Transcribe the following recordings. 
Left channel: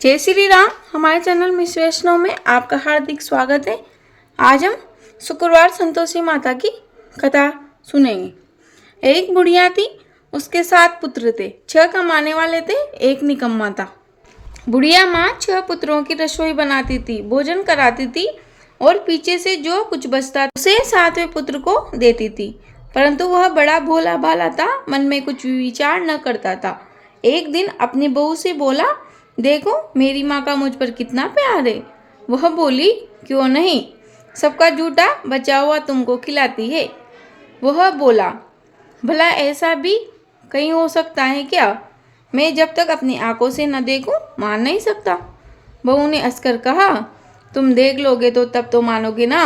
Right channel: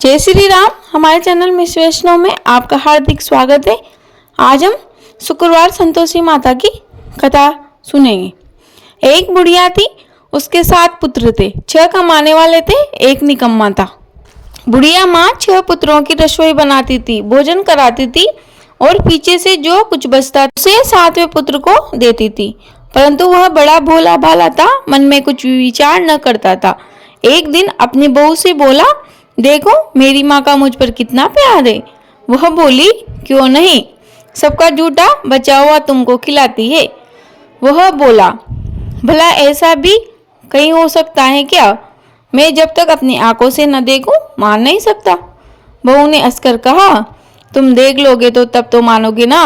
जय श्री राम। हमारे channel miss वैष्णव में आपका हार्दिक स्वागत है। आज हम शुक्रवार संतोषी माता की कथा सुनेंगे। एक बुढ़िया थी, उसके 7 पुत्र थे। 6 कमाने वाले थे, एक निकम्मा था। बुढ़िया माँ 6 पुत्रों की रसोई बनाती थी, भोजन कराती थी और पीछे से जो कुछ बचता उसे 7वें पुत्र को देती थी। परंतु वह बड़ा भोला भाला था, मन में कुछ विचार न करता था। एक दिन अपनी बहू से बोला, देखो मेरी माँ का मुझ पर कितना प्यार है। वह बोली, क्यों नहीं, सबका जूठा बचा हुआ तुमको खिलाती है। वह बोला, भला ऐसा भी कहीं हो सकता है क्या? मैं जब तक अपनी आंखों से न देखूं मान नहीं सकता। बहू ने हंसकर कहा, तुम देख लोगे तो तब तो मानोगे ना।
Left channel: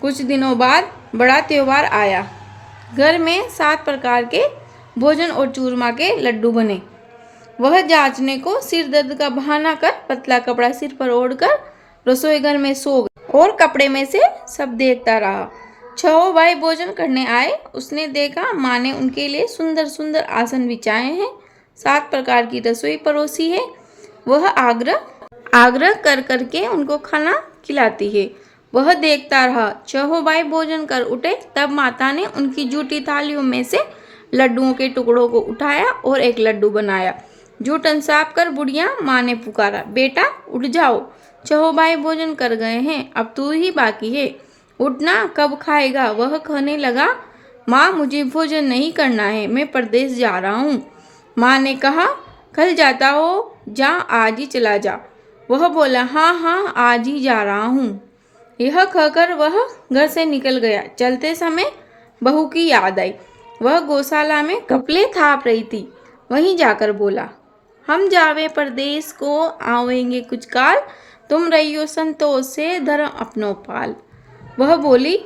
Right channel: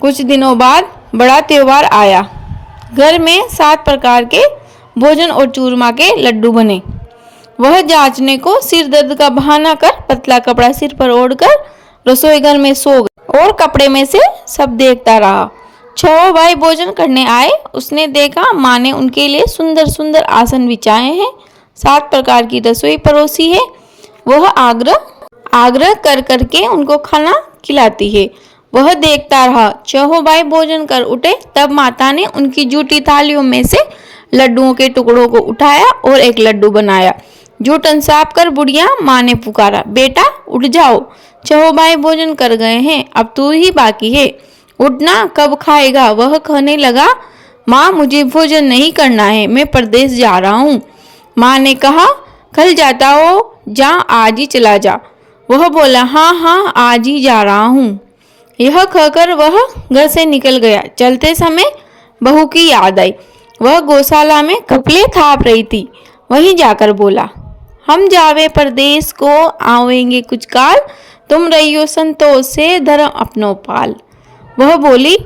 कुछ दिनों बाद बड़ा त्योहार आया। घर में 7 प्रकार के भोजन और चूरमा के लड्डू बने। वह जांचने को सिर दर्द का बहाना कर पतला कपड़ा सिर पर ओढ़कर रसोई घर में सो गया और कपड़े में से सब देखता रहा। 6 भाई भोजन करने आए। उसने देखा माँ ने उनके लिए सुंदर सुंदर आसन बिछाए हैं, 7 प्रकार की रसोई परोसी है। वह आग्रह कर करके उनको खाना खिलाती है। वह देखता रहा। 6 भाई भोजन कर उठे, तब माता ने उनकी जूठी थालियों में से लड्डुओं के टुकड़ों को उठाया और एक लड्डू बनाया। जूठन साफ कर बुढ़िया माँ ने पुकारा, बेटा उठ जाओ, 6 भाई भोजन कर गए हैं, अब तू ही बाकी है, उठना, कब खाएगा? वह कहने लगा, माँ मुझे भोजन नहीं करना है, मैं परदेश जा रहा हूँ। माँ ने कहा, कल जाता हो, जा आज ही चला जा। वह बोला, हाँ हाँ आज ही जा रहा हूँ। यह कहकर वह घर से निकल गया। चलते समय बहू की याद आई। वह गौशाला में कपड़े थाप रही थी। वहीं जाकर बोला, हम जावे परदेश को, आवेंगे कुछ काल, तुम रहियो संतोष से, धर्म अपनो पाल। वह बोली,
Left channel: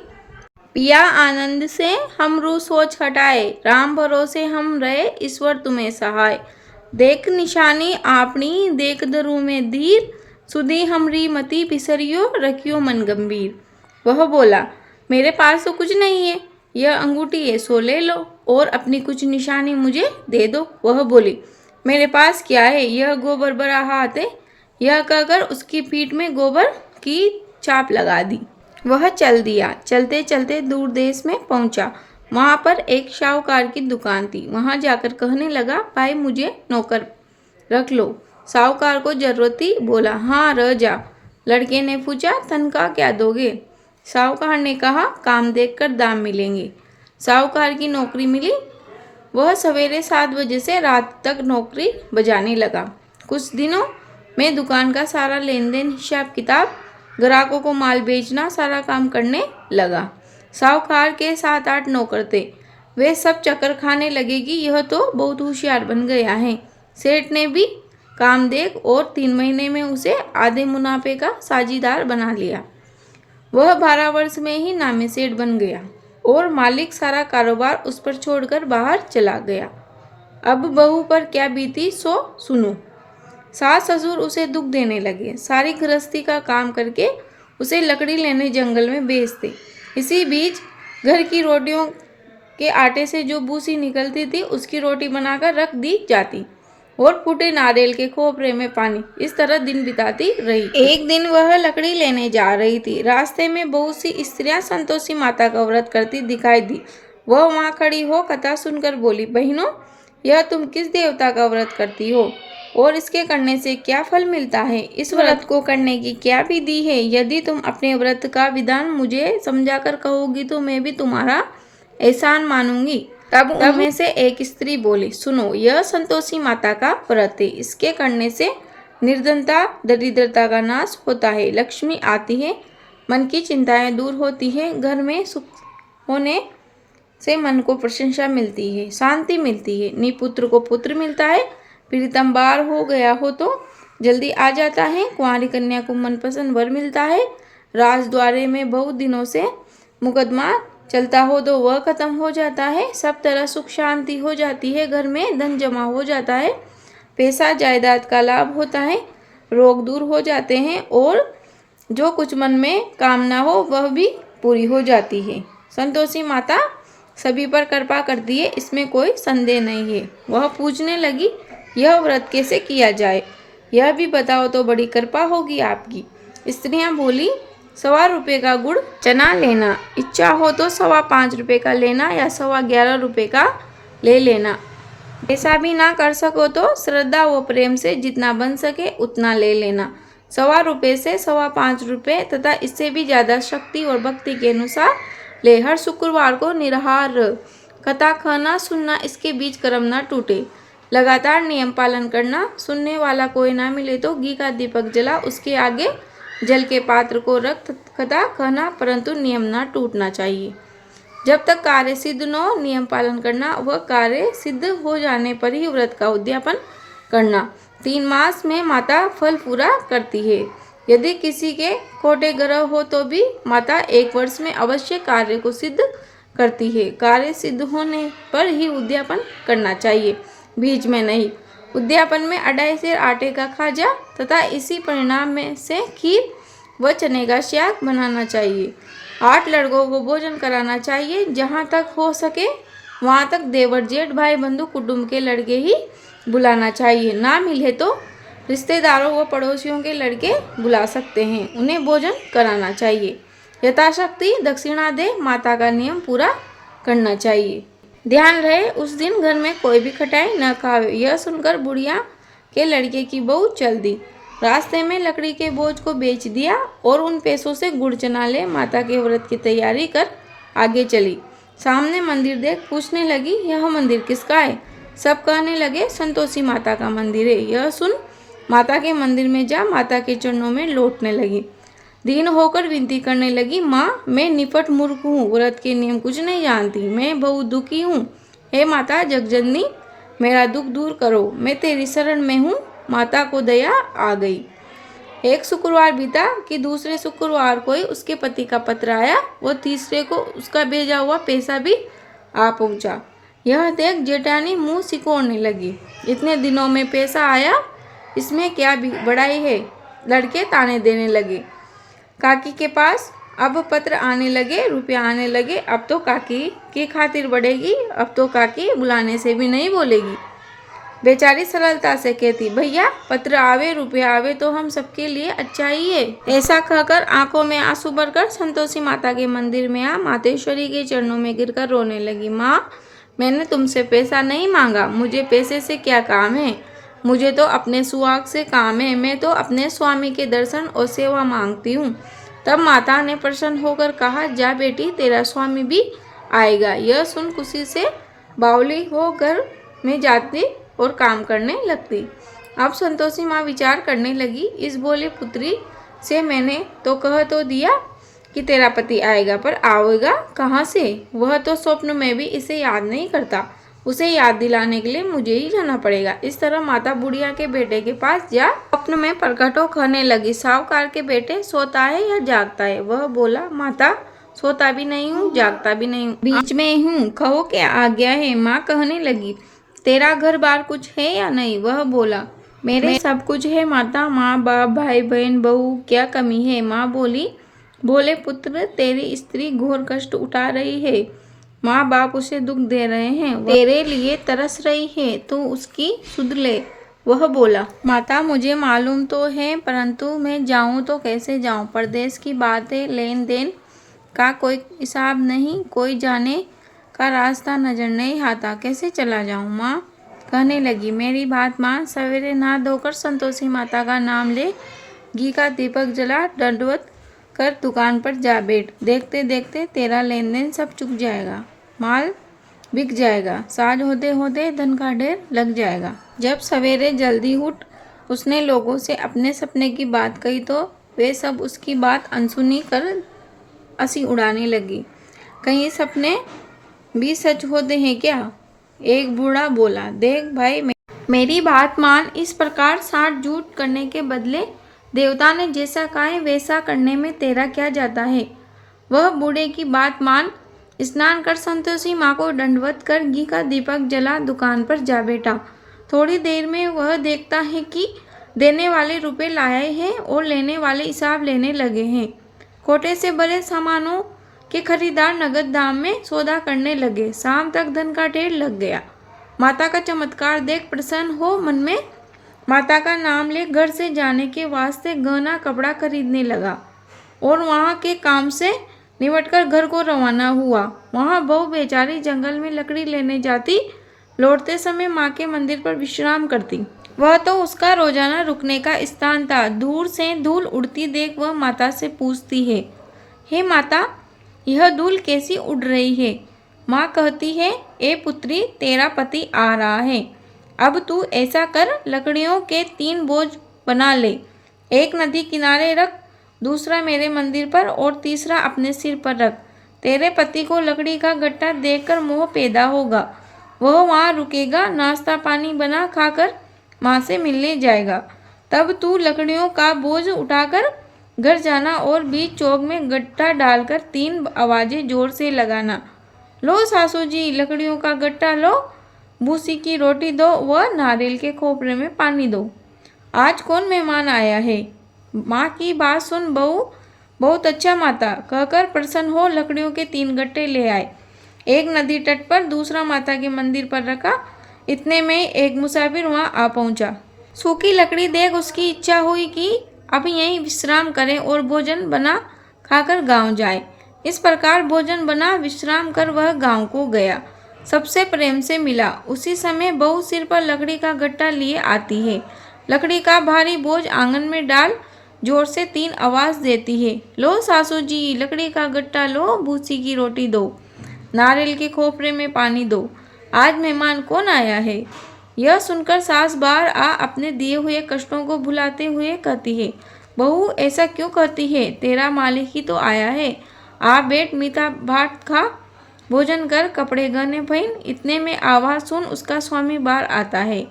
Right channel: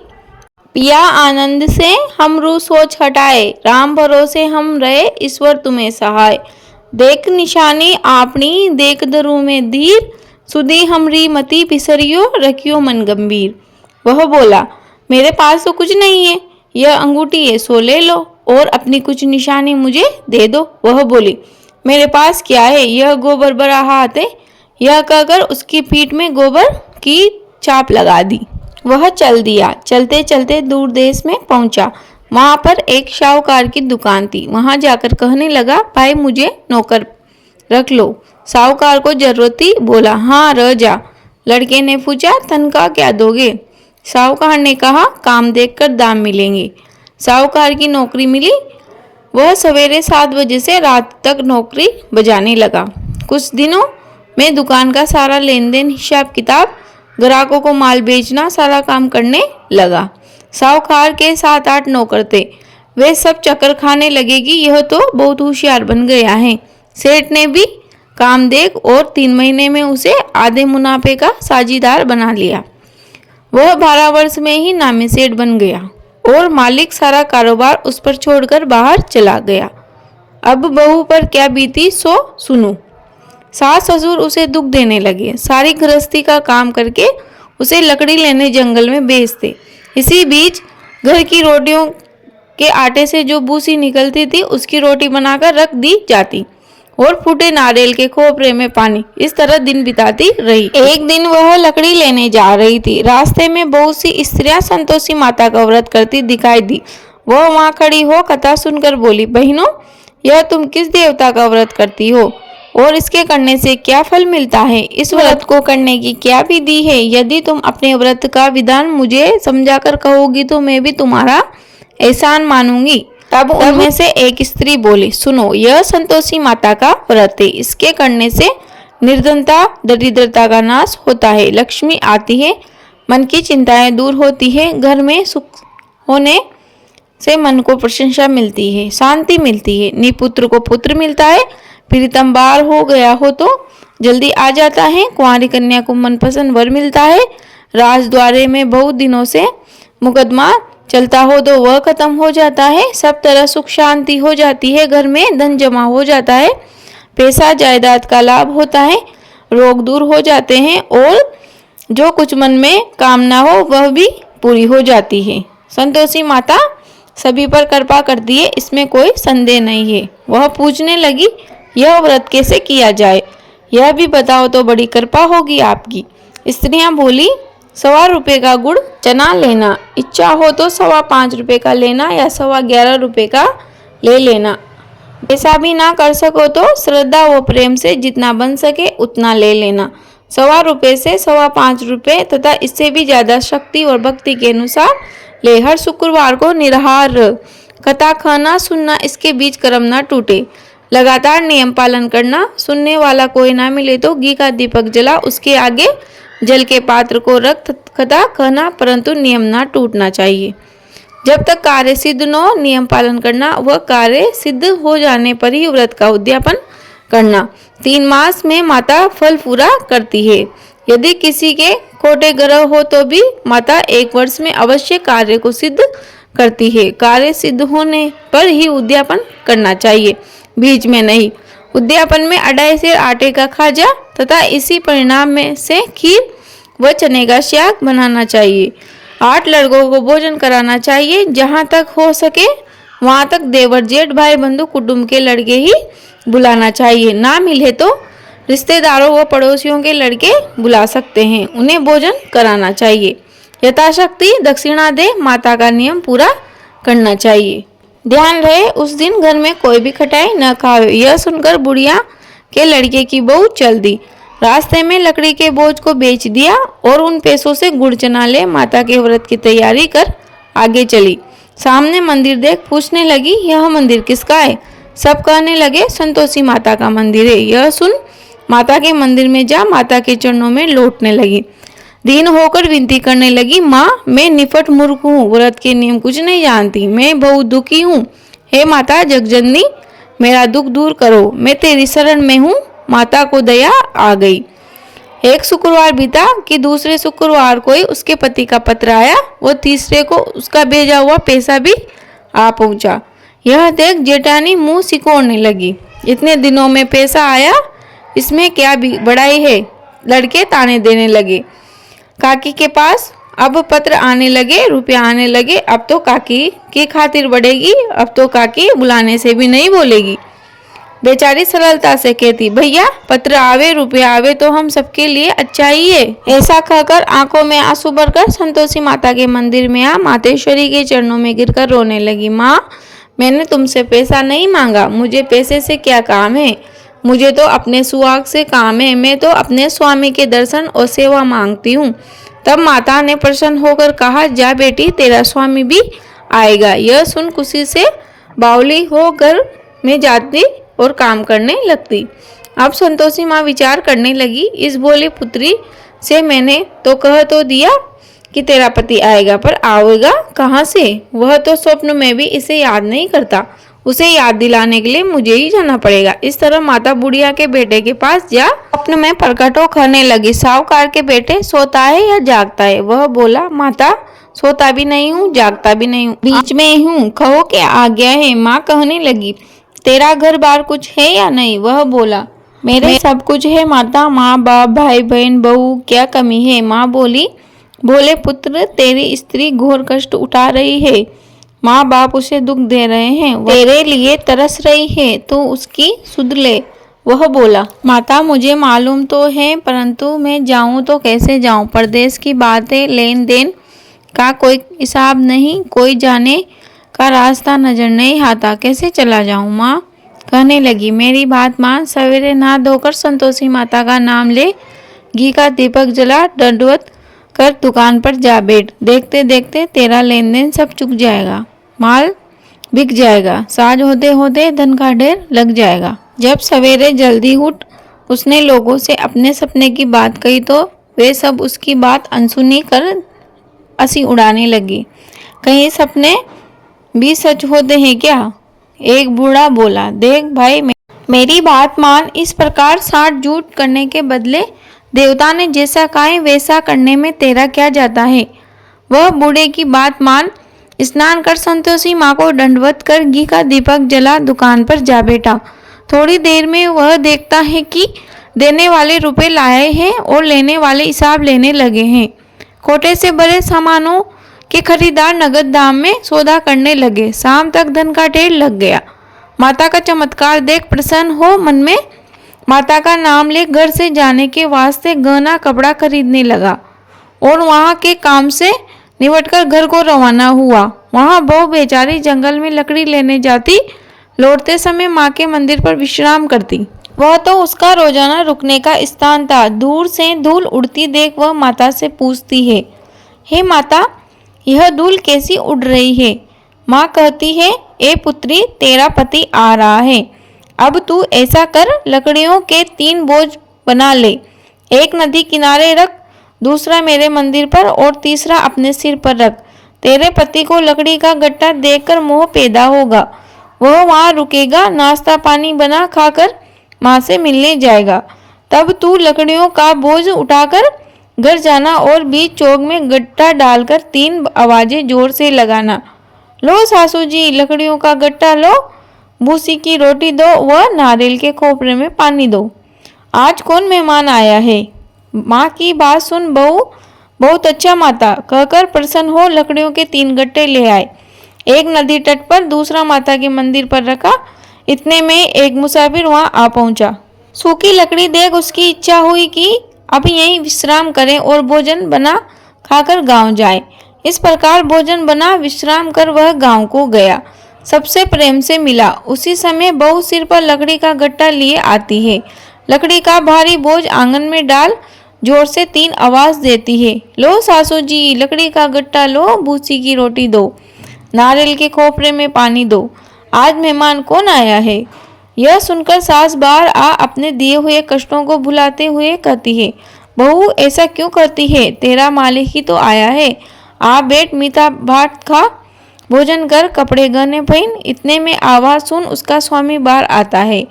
पिया आनंद से हम रू सोच हटाए, राम भरोसे हम रहे, ईश्वर तुम्हें सहाय। देख निशानी आपनी, देख धरू में धीर, सुधी हमरी मति बिसरियो, रखियो मन गंभीर। वह बोला, मेरे पास तो कुछ नहीं है, यह अंगूठी है सो ले लो और अपनी कुछ निशानी मुझे दे दो। वह बोली, मेरे पास क्या है, यह गोबर भरा हाथ है। यह कहकर उसकी पीठ में गोबर की छाप लगा दी। वह चल दिया। चलते चलते दूर देश में पहुंचा। वहां पर एक शाहूकार की दुकान थी। वहां जाकर कहने लगा, भाई मुझे नौकर रख लो। साहूकार को जरूरत थी, बोला, हाँ रह जा। लड़के ने पूछा, तनख्वाह क्या दोगे? साहूकार ने कहा, काम देखकर दाम मिलेंगे। साहूकार की नौकरी मिली। वह सवेरे 7 बजे से रात तक नौकरी बजाने लगा। कुछ दिनों में दुकान का सारा लेन देन, हिसाब किताब, ग्राहकों को माल बेचना, सारा काम करने लगा। साहूकार के 7-8 नौकर थे। वे सब चक्कर खाने लगे कि यह तो बहुत होशियार बन गया है। सेठ ने भी काम देख और 3 महीने में उसे आधे मुनाफे का साझीदार बना लिया। वह 12 वर्ष में ही नामी सेठ बन गया और मालिक सारा कारोबार उस पर छोड़कर बाहर चला गया। अब बहू पर क्या बीती सो सुनो। सास ससुर उसे दुख देने लगे। सारी गृहस्थी का काम करके उसे लकड़ी लेने जंगल में भेजते। इसी बीच घर की रोटियों के आटे से जो भूसी निकलती थी उसकी रोटी बनाकर रख दी जाती और फूटे नारियल के खोपरे में पानी। इस तरह दिन बिताती रही। एक दिन वह लकड़ी लेने जा रही थी। रास्ते में बहुत सी स्त्रियां संतोषी माता का व्रत करती दिखाई दी। वह वहां खड़ी हो कथा सुनकर बोली, बहनों यह तुम किस देवता का व्रत करती हो और इसके करने से क्या फल मिलता है? इस व्रत को करने की क्या विधि है? यदि तुम अपने व्रत का विधान मुझे समझाकर कहोगी तो मैं भी तुम्हारा एहसान मानूंगी। तब उनमें से एक स्त्री बोली, सुनो, यह संतोषी माता का व्रत है। इसके करने से निर्धनता, दरिद्रता का नाश होता है, लक्ष्मी आती है, मन की चिंताएं दूर होती है, घर में सुख होने से मन को प्रशंसा मिलती है, शांति मिलती है, निपुत्र को पुत्र मिलता है, प्रीतम बार हो गया हो तो जल्दी आ जाता है, कुंवारी कन्या को मनपसंद वर मिलता है, राजद्वारे में बहुत दिनों से मुकदमा चलता हो तो वह खत्म हो जाता है, सब तरह सुख शांति हो जाती है, घर में धन जमा हो जाता है, पैसा जायदाद का लाभ होता है, रोग दूर हो जाते हैं और जो कुछ मन में कामना हो वह भी पूरी हो जाती है। संतोषी माता सभी पर कृपा करती है, इसमें कोई संदेह नहीं है। वह पूछने लगी, यह व्रत कैसे किया जाए? यह भी बताओ तो बड़ी कृपा होगी आपकी। स्त्रियां बोली, 1.25 रुपये का गुड़ चना लेना, इच्छा हो तो 5.25 रुपये का लेना या 11.25 रुपये का ले लेना। ऐसा भी ना कर सको तो श्रद्धा व प्रेम से जितना बन सके उतना ले लेना। 1.25 रुपये से 5.25 रुपये तथा इससे भी ज़्यादा शक्ति और भक्ति के अनुसार ले। हर शुक्रवार को निराहार कथा खाना सुनना, इसके बीच कर्म ना टूटे। लगातार नियम पालन करना, सुनने वाला कोई ना मिले तो घी का दीपक जला, उसके आगे जल के पात्र को रख कथा कहना, परंतु नियम ना टूटना चाहिए। जब तक कार्य सिद्ध न हो नियम पालन करना, वह कार्य सिद्ध हो जाने पर ही व्रत का उद्यापन करना। 3 मास में माता फल पूरा करती है। यदि किसी के खोटे ग्रह हो तो भी माता 1 वर्ष में अवश्य कार्य को सिद्ध करती है। कार्य सिद्ध होने पर ही उद्यापन करना चाहिए, बीच में नहीं। उद्यापन में 2.5 सेर आटे का खाजा तथा इसी परिणाम में से खीर व चने का शाक बनाना चाहिए। 8 लड़कों को भोजन कराना चाहिए। जहाँ तक हो सके वहाँ तक देवर जेठ भाई बंधु कुटुंब के लड़के ही बुलाना चाहिए। ना मिले तो रिश्तेदारों व पड़ोसियों के लड़के बुला सकते हैं, उन्हें भोजन कराना चाहिए। यथाशक्ति दक्षिणा दे, माता का नियम पूरा करना चाहिए। ध्यान रहे उस दिन घर में कोई भी खटाई न खावे। यह सुनकर बुढ़िया के लड़के की बहू चल दी। रास्ते में लकड़ी के बोझ को बेच दिया और उन पैसों से गुड़ चना ले माता के व्रत की तैयारी कर आगे चली। सामने मंदिर देख पूछने लगी, यह मंदिर किसका है? सब कहने लगे, संतोषी माता का मंदिर है। यह सुन माता के मंदिर में जा माता के चरणों में लौटने लगी। दीन होकर विनती करने लगी, माँ मैं निपट मूर्ख हूँ, व्रत के नियम कुछ नहीं जानती, मैं बहुत दुखी हूँ। हे माता जगजननी, मेरा दुख दूर करो, मैं तेरी शरण में हूँ। माता को दया आ गई। एक शुक्रवार बीता कि दूसरे शुक्रवार को ही उसके पति का पत्र आया। वो तीसरे को उसका भेजा हुआ पैसा भी आ पहुंचा। यह देख जेठानी मुंह सिकोड़ने लगी, इतने दिनों में पैसा आया, इसमें क्या भी बड़ाई है? लड़के ताने देने लगे। काकी के पास अब पत्र आने लगे, रुपया आने लगे। अब तो काकी की खातिर बढ़ेगी, अब तो काकी बुलाने से भी नहीं बोलेगी। बेचारी सरलता से कहती, भैया पत्र आवे रुपया आवे तो हम सबके लिए अच्छा ही है। ऐसा कहकर आंखों में आंसू भरकर संतोषी माता के मंदिर में आ मातेश्वरी के चरणों में गिरकर रोने लगी। माँ मैंने तुमसे पैसा नहीं मांगा, मुझे पैसे से क्या काम है? मुझे तो अपने सुहाग से काम है, मैं तो अपने स्वामी के दर्शन और सेवा मांगती हूँ। तब माता ने प्रसन्न होकर कहा, जा बेटी तेरा स्वामी भी आएगा। यह सुन खुशी से बावली हो घर में जाती और काम करने लगती। अब संतोषी माँ विचार करने लगी, इस भोली पुत्री से मैंने तो कह तो दिया कि तेरा पति आएगा, पर आएगा कहाँ से? वह तो स्वप्न में भी इसे याद नहीं करता, उसे याद दिलाने के लिए मुझे ही जाना पड़ेगा। इस तरह माता बुढ़िया के बेटे के पास जा स्वप्न में प्रकट हो कहने लगी, साहूकार के बेटे सोता है या जागता है? वह बोला, माता सोता भी नहीं हूँ जागता भी नहीं हूँ, बीच में ही हूँ, कहो क्या आज्ञा है? माँ कहने लगी, तेरा घर बार कुछ है या नहीं? वह बोला, मेरे सब कुछ है माता, माँ बाप भाई बहन बहू, क्या कमी है? माँ बोली, बोले पुत्र तेरी स्त्री घोर कष्ट उठा रही है, माँ बाप उसे दुख दे रहे हैं, तेरे लिए तरस रही है, तो उसकी सुध ले। वह बोला, माता मुझे मालूम तो है, परंतु मैं जाऊं तो कैसे जाऊं? परदेश की बातें, लेन देन का कोई हिसाब नहीं, कोई जाने का रास्ता नजर नहीं आता, कैसे चला जाऊं? माँ कहने लगी, मेरी बात मान, सवेरे नहा धोकर संतोषी माता का नाम ले, घी का दीपक जला, दंडवत कर दुकान पर जा बैठ। देखते देखते तेरा लेन देन सब चुक जाएगा, माल बिक जाएगा, साज होते होते धन का ढेर लग जाएगा। जब सवेरे जल्दी उठ उसने लोगों से अपने सपने की बात कही तो वे सब उसकी बात अनसुनी कर हंसी उड़ाने लगी। कहीं सपने भी सच होते हैं क्या? एक बूढ़ा बोला, देख भाई मेरी बात मान, इस प्रकार साठ झूठ करने के बदले देवता ने जैसा कहा है वैसा करने में तेरा क्या जाता है? वह बूढ़े की बात मान, स्नान कर संतोषी माँ को दंडवत कर घी का दीपक जला दुकान पर जा बैठा। थोड़ी देर में वह देखता है कि देने वाले रुपए लाए हैं और लेने वाले हिसाब लेने लगे हैं। कोटे से भरे सामानों के खरीदार नगद दाम में सौदा करने लगे। शाम तक धन का ढेर लग गया। माता का चमत्कार देख प्रसन्न हो मन में माता का नाम ले घर से जाने के वास्ते गहना कपड़ा खरीदने लगा और वहाँ के काम से निपटकर घर को रवाना हुआ। वहाँ बहू बेचारी जंगल में लकड़ी लेने जाती, लौटते समय माँ के मंदिर पर विश्राम करती। वह तो उसका रोजाना रुकने का स्थान था। दूर से धूल उड़ती देख वह माता से पूछती है, हे माता, यह धूल कैसी उड़ रही है? माँ कहती है, ए पुत्री, तेरा पति आ रहा है। अब तू ऐसा कर, लकड़ियों के 3 बोझ बना ले, एक नदी किनारे रख, दूसरा मेरे मंदिर पर और तीसरा अपने सिर पर रख। तेरे पति को लकड़ी का गट्टा देखकर मोह पैदा होगा। वह वहाँ रुकेगा, नाश्ता पानी बना खाकर माँ से मिलने जाएगा। तब तू लकड़ियों का बोझ उठाकर घर जाना और बीच चौक में गट्टा डालकर 3 आवाजें जोर से लगाना, लो सासू जी, लकड़ियों का गट्टा लो, भूसी की रोटी दो व नारियल के खोपरे में पानी दो। आज कौन मेहमान आया है? माँ की बात सुन बहू बहुत अच्छा माता कहकर प्रसन्न हो लकड़ियों के 3 गट्टे ले आए। एक नदी तट पर, दूसरा माता के मंदिर पर रखा। इतने में एक मुसाफिर वहां आ पहुंचा। सूखी लकड़ी देख उसकी इच्छा हुई कि अब यहीं विश्राम करें और भोजन बना खाकर गांव जाए। इस प्रकार भोजन बना विश्राम कर वह गांव को गया। सबसे प्रेम से मिला। उसी समय बहू सिर पर लकड़ी का गट्टा लिए आती है। लकड़ी का भारी बोझ आंगन में डाल जोर से 3 आवाज देती है, लो सासू जी, लकड़ी का गट्टा लो, भूसी की रोटी दो, नारियल के खोपरे में पानी दो। आज मेहमान कौन आया है? यह सुनकर सास बाहर आ अपने दिए हुए कष्टों को भुलाते हुए कहती है, बहू ऐसा क्यों करती है? तेरा मालिक ही तो आया है। आ बैठ, मीठा भात खा, भोजन कर, कपड़े गहने पहन। इतने में आवाज सुन उसका स्वामी बाहर आता है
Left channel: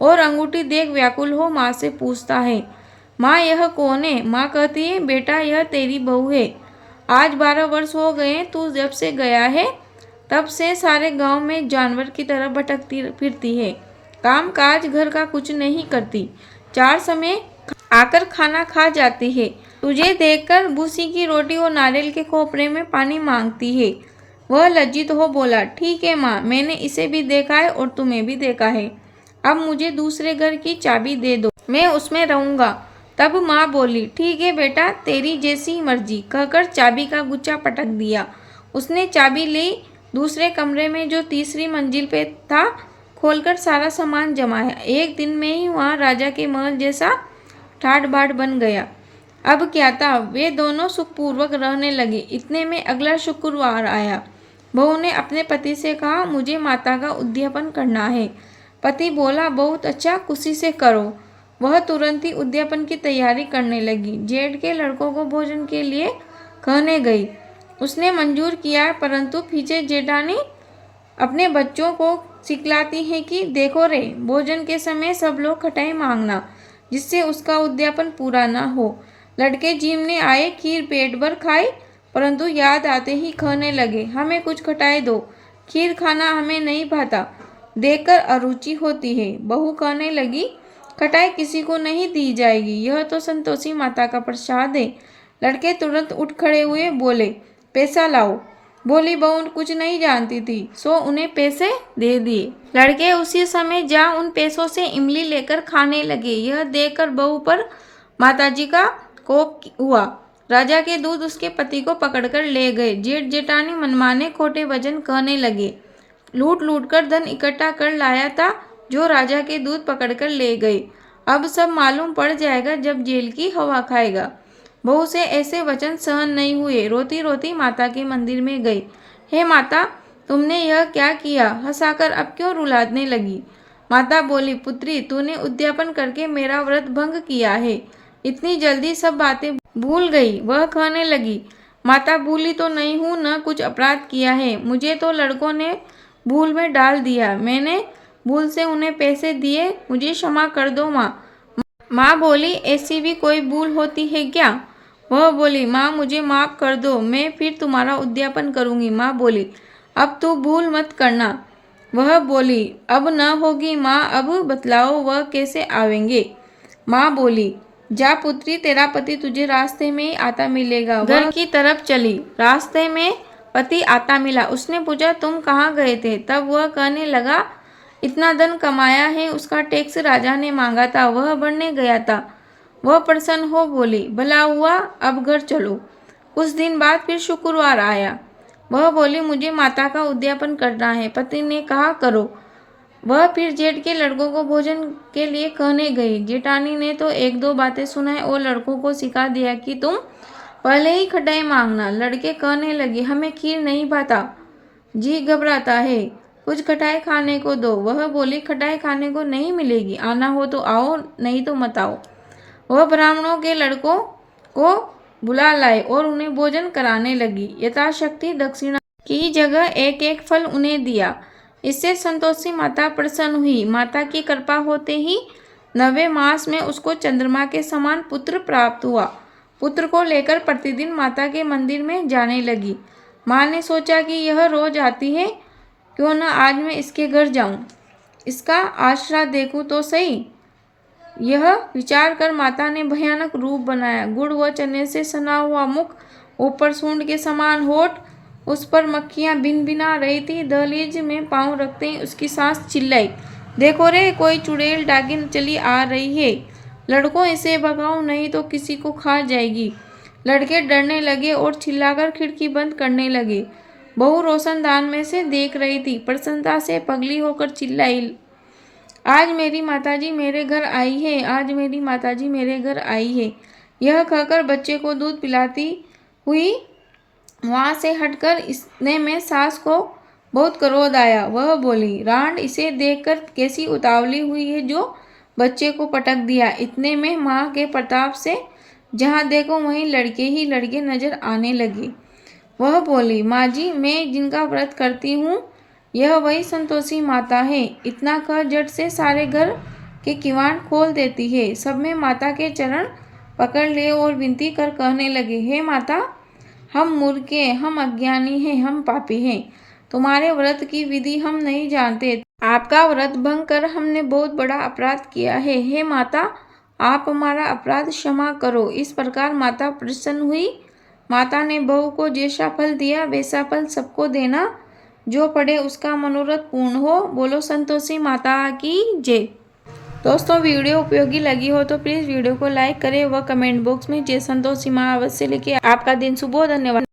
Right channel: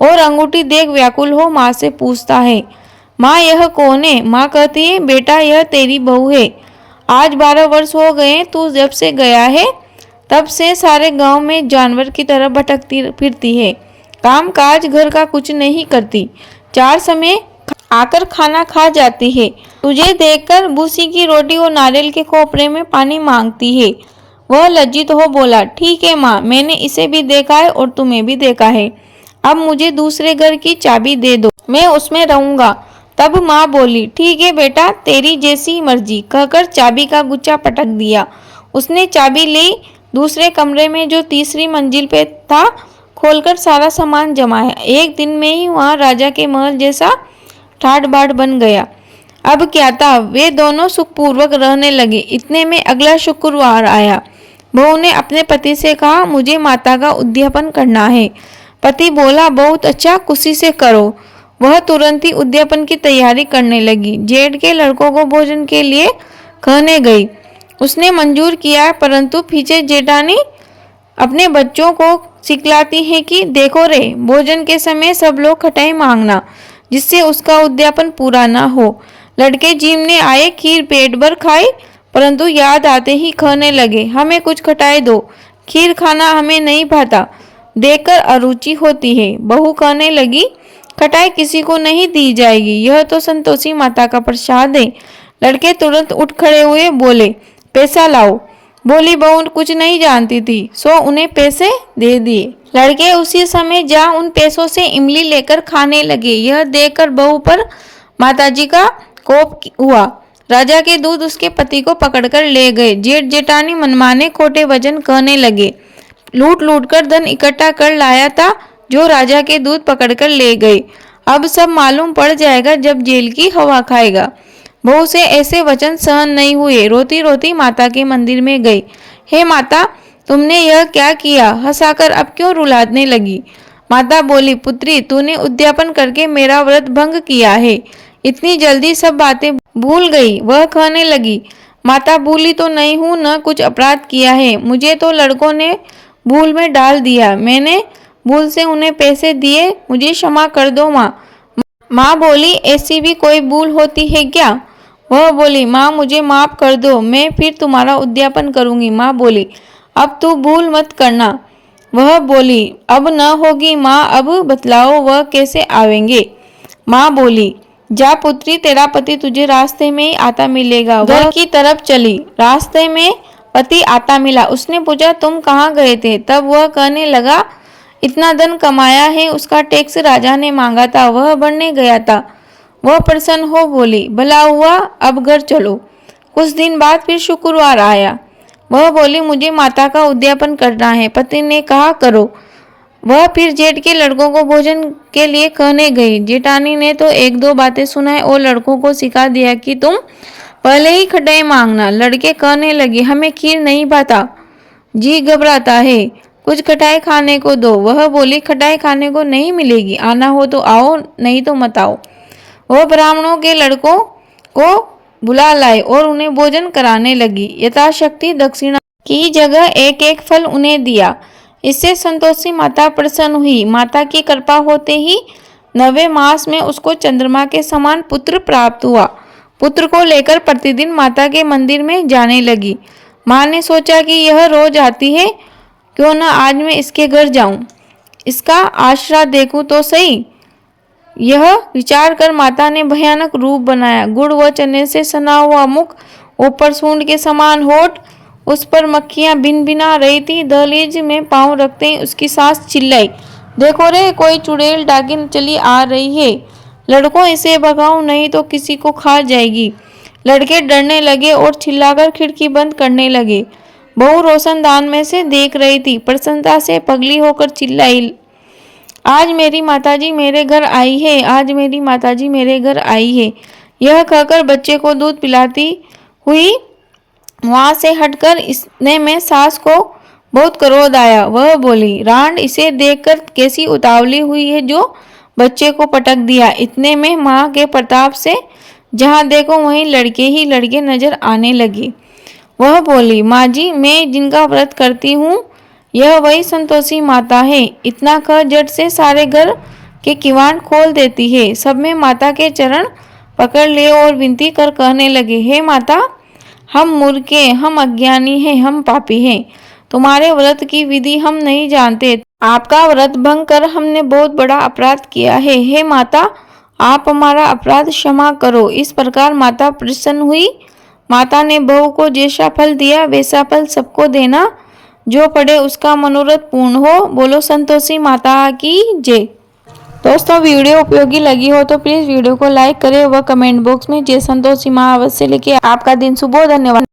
और अंगूठी देख व्याकुल हो माँ से पूछता है, माँ यह कौन है? माँ कहती है, बेटा यह तेरी बहू है। आज 12 वर्ष हो गए तू जब से गया है, तब से सारे गांव में जानवर की तरह भटकती फिरती है। काम काज घर का कुछ नहीं करती, 4 समय आकर खाना खा जाती है। तुझे देखकर भूसी की रोटी और नारियल के खोपरे में पानी मांगती है। वह लज्जित हो बोला, ठीक है माँ, मैंने इसे भी देखा है और तुम्हें भी देखा है। अब मुझे दूसरे घर की चाबी दे दो, मैं उसमें रहूंगा। तब माँ बोली, ठीक है बेटा, तेरी जैसी मर्जी, कहकर चाबी का गुच्छा पटक दिया। उसने चाबी ली, दूसरे कमरे में जो तीसरी मंजिल पे था खोलकर सारा सामान जमाया। एक दिन में ही वहाँ राजा के महल जैसा ठाट बाट बन गया। अब क्या था, वे दोनों सुखपूर्वक रहने लगे। इतने में अगला शुक्रवार आया। बहू ने अपने पति से कहा, मुझे माता का उद्यापन करना है। पति बोला, बहुत अच्छा, खुशी से करो। वह तुरंत ही उद्यापन की तैयारी करने लगी। जेठ के लड़कों को भोजन के लिए कहने गई। उसने मंजूर किया, परंतु पीछे जेठानी अपने बच्चों को सिखलाती है कि देखो रे, भोजन के समय सब लोग खटाई मांगना, जिससे उसका उद्यापन पूरा ना हो। लड़के जीमने आए, खीर पेट भर खाई, परंतु याद आते ही कहने लगे, हमें कुछ खटाई दो, खीर खाना हमें नहीं भाता, देखकर अरुचि होती है। बहू कहने लगी, खटाई किसी को नहीं दी जाएगी, यह तो संतोषी माता का प्रसाद है। लड़के तुरंत उठ खड़े हुए, बोले, पैसा लाओ। बोली बहू कुछ नहीं जानती थी, सो उन्हें पैसे दे दिए। लड़के उसी समय जा उन पैसों से इमली लेकर खाने लगे। यह देखकर बहू पर माताजी का कोप हुआ। राजा के दूत उसके पति को पकड़कर ले गए। जेठ जेठानी मनमाने खोटे वचन कहने लगे। लूट लूट कर धन इकट्ठा कर लाया था, जो राजा के दूत पकड़कर ले गए। अब सब मालूम पड़ जाएगा जब जेल की हवा खाएगा। बहू से ऐसे वचन सहन नहीं हुए। रोती रोती माता के मंदिर में गई। हे माता, तुमने यह क्या किया? हंसाकर अब क्यों रुलाने लगी? माता बोली, पुत्री, तूने उद्यापन करके मेरा व्रत भंग किया है। इतनी जल्दी सब बातें भूल गई। वह कहने लगी, माता, भूली तो नहीं हूँ, न कुछ अपराध किया है। मुझे तो लड़कों ने भूल में डाल दिया। मैंने भूल से उन्हें पैसे दिए, मुझे क्षमा कर दो माँ। माँ बोली, ऐसी भी कोई भूल होती है क्या? वह बोली, माँ मुझे माफ कर दो, मैं फिर तुम्हारा उद्यापन करूंगी। माँ बोली, अब तू भूल मत करना। वह बोली, अब न होगी माँ, अब बतलाओ वह कैसे आवेंगे? माँ बोली, जा पुत्री, तेरा पति तुझे रास्ते में ही आता मिलेगा। घर की तरफ चली। रास्ते में पति आता मिला। उसने पूछा, तुम कहाँ गए थे? तब वह कहने लगा, इतना धन कमाया है, उसका टैक्स राजा ने मांगा था, वह भरने गया था। वह प्रसन्न हो बोली, भला हुआ, अब घर चलो। कुछ दिन बाद फिर शुक्रवार आया। वह बोली, मुझे माता का उद्यापन करना है। पति ने कहा, करो। वह फिर जेठ के लड़कों को भोजन के लिए कहने गई। जेठानी ने तो एक दो बातें सुनाई और लड़कों को सिखा दिया कि तुम पहले ही खटाई मांगना। लड़के कहने लगे, हमें खीर नहीं भाता, जी घबराता है, कुछ खटाई खाने को दो। वह बोली, खटाई खाने को नहीं मिलेगी, आना हो तो आओ, नहीं तो मत आओ। वह ब्राह्मणों के लड़कों को बुला लाए और उन्हें भोजन कराने लगी। यथाशक्ति दक्षिणा की जगह एक एक फल उन्हें दिया। इससे संतोषी माता प्रसन्न हुई। माता की कृपा होते ही 9वें मास में उसको चंद्रमा के समान पुत्र प्राप्त हुआ। पुत्र को लेकर प्रतिदिन माता के मंदिर में जाने लगी। माँ ने सोचा कि यह रोज आती है, क्यों न आज मैं इसके घर जाऊं, इसका आश्रा देखूं तो सही। यह विचार कर माता ने भयानक रूप बनाया। गुड़ व चने से सना हुआ मुख, ऊपर सूंड के समान होठ, उस पर मक्खियां भिन भिना रही थी। दहलीज में पांव रखते ही उसकी सास चिल्लाई, देखो रे, कोई चुड़ैल डागिन चली आ रही है, लड़कों इसे भगाओ नहीं तो किसी को खा जाएगी। लड़के डरने लगे और चिल्लाकर खिड़की बंद करने लगे। बहू रोशनदान में से देख रही थी। प्रसन्नता से पगली होकर चिल्लाई, आज मेरी माताजी मेरे घर आई है, आज मेरी माताजी मेरे घर आई है। यह कहकर बच्चे को दूध पिलाती हुई वहां से हटकर इसने में सास को बहुत क्रोध आया। वह बोली, रांड, इसे देखकर कैसी उतावली हुई है जो बच्चे को पटक दिया। इतने में माँ के प्रताप से जहाँ देखो वहीं लड़के ही लड़के नजर आने लगे। वह बोली, माँ जी, मैं जिनका व्रत करती हूँ यह वही संतोषी माता है। इतना कह झट से सारे घर के किवाड़ खोल देती है। सब में माता के चरण पकड़ लिए और विनती कर कहने लगे, हे माता, हम मूर्खे, हम अज्ञानी हैं, हम पापी हैं। तुम्हारे व्रत की विधि हम नहीं जानते। आपका व्रत भंग कर हमने बहुत बड़ा अपराध किया है। हे माता, आप हमारा अपराध क्षमा करो। इस प्रकार माता प्रसन्न हुई। माता ने बहू को जैसा फल दिया वैसा फल सबको देना, जो पढ़े उसका मनोरथ पूर्ण हो। बोलो संतोषी माता की जय। दोस्तों, वीडियो उपयोगी लगी हो तो प्लीज़ वीडियो को लाइक करें व कमेंट बॉक्स में जय संतोषी माँ अवश्य लिखें। आपका दिन शुभ हो। धन्यवाद।